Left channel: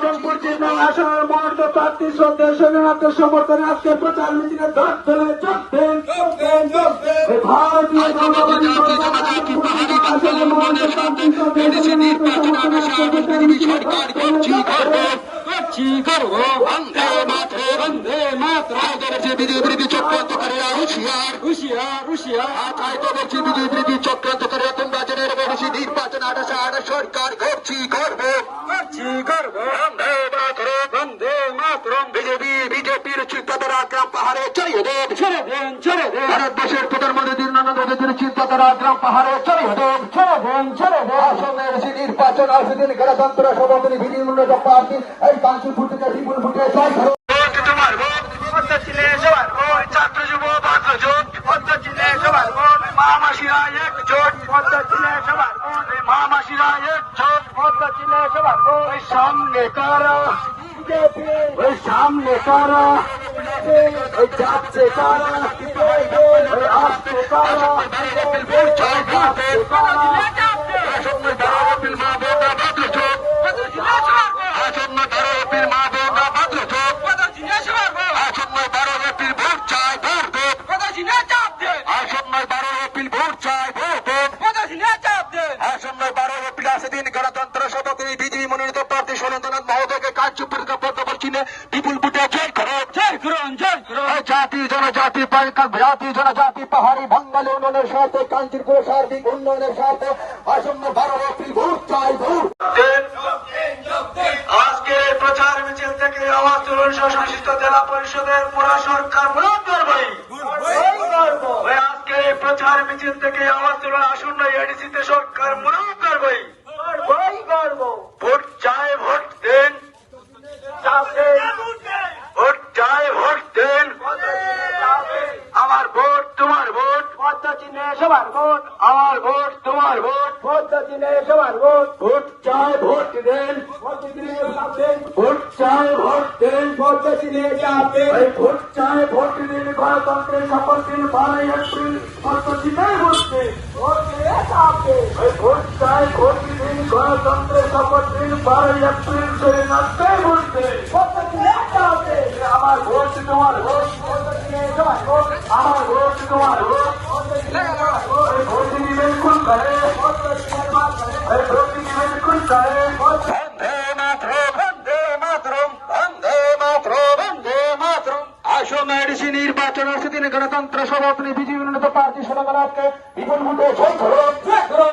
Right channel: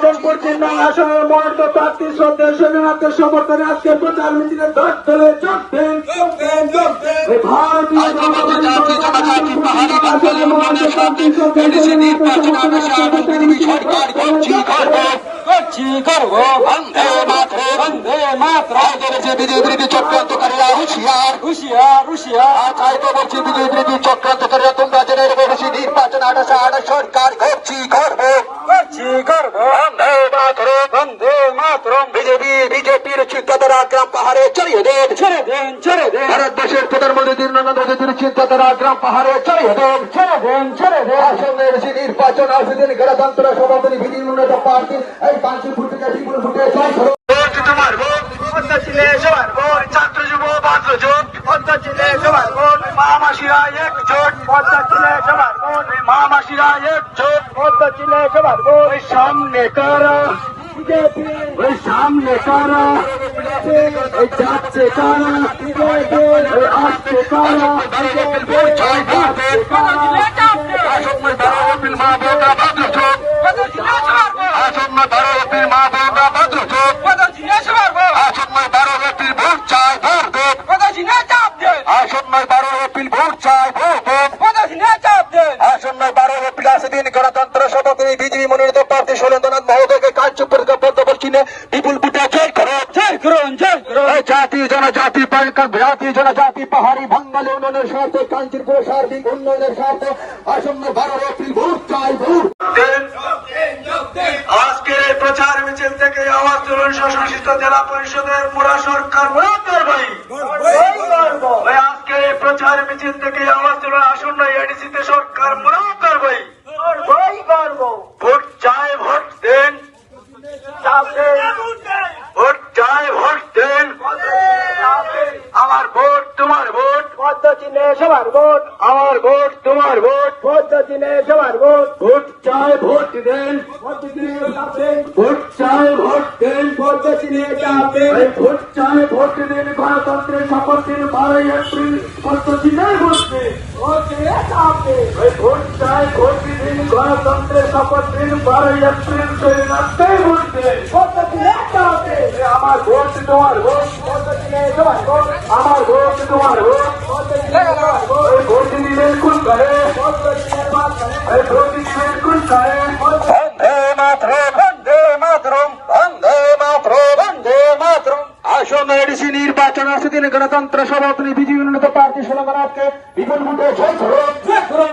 পশ্চিম বাংলা আসনের মনোনীত প্রার্থী শ্রদ্ধেয় স্বাধীনতা সমর্থনে আজকে প্রচার মিছিলে দশ দলে ভারতীয় বিজেপি চক্রান্তকারীরা হুশিয়ার চাইতে বলছি বিজেপি চক্রান্তকারীরা তোমরা জেনে রেখে বেশি নির্বাচন 28 সরকার করবো বন্দে মাতরম বিজেপির চিন্তাধারা গ্রাম পাহাড়ে ছেড়ে দেন ভারতবর্ষের প্রধানমন্ত্রী নরেন্দ্র মোদীর চিন্তাধারা গ্রাম পাহাড়ে ছেড়ে দেন আসনের নির্বাচন আসদিন গণতন্ত্র সমাধানী বিধি উন্নত পার্টি এই 5 ফুট থেকে 2 ফুটে ছাত্র যুব বাদ্রজোট পদ্ধতিতে সবার ভোট মহামাসিরা একজোট পদ্ধতিতে সবার ভোট মহামাসিরা একজোট পদ্ধতিতে সবার ভোট সামনে কারা যাচ্ছে কারা আসছে কারা গণতন্ত্র সভাপতি বিজেপি মনোনীত প্রার্থী সুরেন্দ্রনাথ মহোদয়কে কার্যপরিকল্পনা বলছিনে বিপুল ভোটে জয় করুন জাতি জনজাতি জাতি জনজাতি পাহাড়ি বাঙালি উন্নয়নের স্বার্থে কাঞ্চনপুর সার্বিক উন্নয়নের স্বার্থে আসন্ন 12 এপ্রিল ভোট চাই ভোট আজকে প্রচার মিছিল থেকে আমার তরুণ সংশ্লিষ্ট জেলা পরিষদের পুরা সরকার আজকে প্রচার মিছিল থেকে আমার তরুণ আসন্ন এডিসিতে সরকার ভোট চাই ভোট দেন আমার ভোট তোমার ভোট পদ্ধতিতে সবার ভোট আমার ভোট তোমার ভোট পদ্ধতিতে সবার ভোট ভোট চাই ভোট দেন ভোট চাই ভোট দেন পদ্ধতিতে ভোট চাই ভোট দিন গণতন্ত্রের শপথ দিন 12 এপ্রিল পদ্ধতিতে ভোট দিন ভোট চাই ভোট দিন গণতন্ত্রের শপথ দিন 12 এপ্রিল ভোট দিন আমার ভোট তোমার ভোট আমার ভোট তোমার ভোট ভোট দিলে খুন করে আসন্ন এডিসি নির্বাচন আসদিন গণতন্ত্র সভাপতি বিজেপি মনোনীত প্রার্থী সুরেন্দ্রনাথকে বিপুল ভোটে জয় করুন।